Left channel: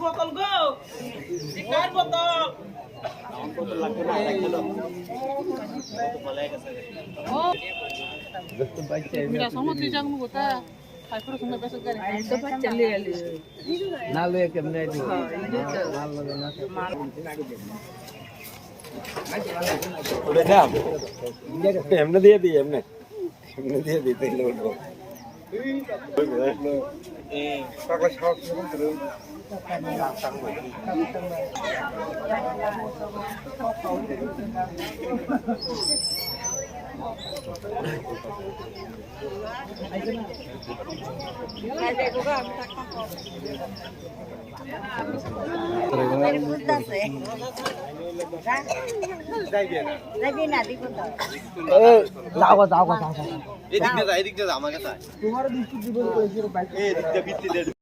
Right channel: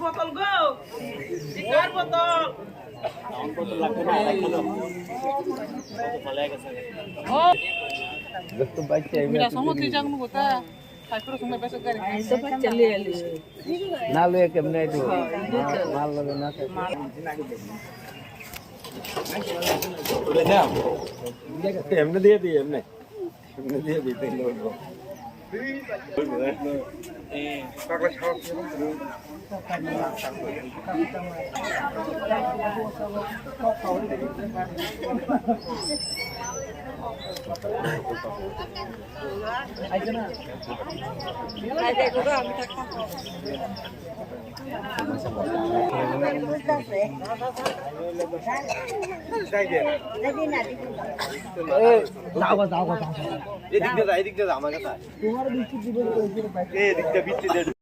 বোতল গো কার বোতল সমুদ্র জাগনু গোটা তারপরে সময় বেশ করে সব চলে এলি না লয়ে কেমনে আইতো মাল লগে না ওরে না এমনে দিয়ে দিই এমনে দিয়ে দিই তাই বলবো কাকা সাহস আইছে না এদিকটা আমার কাছে তোমার বৃষ্টি দিব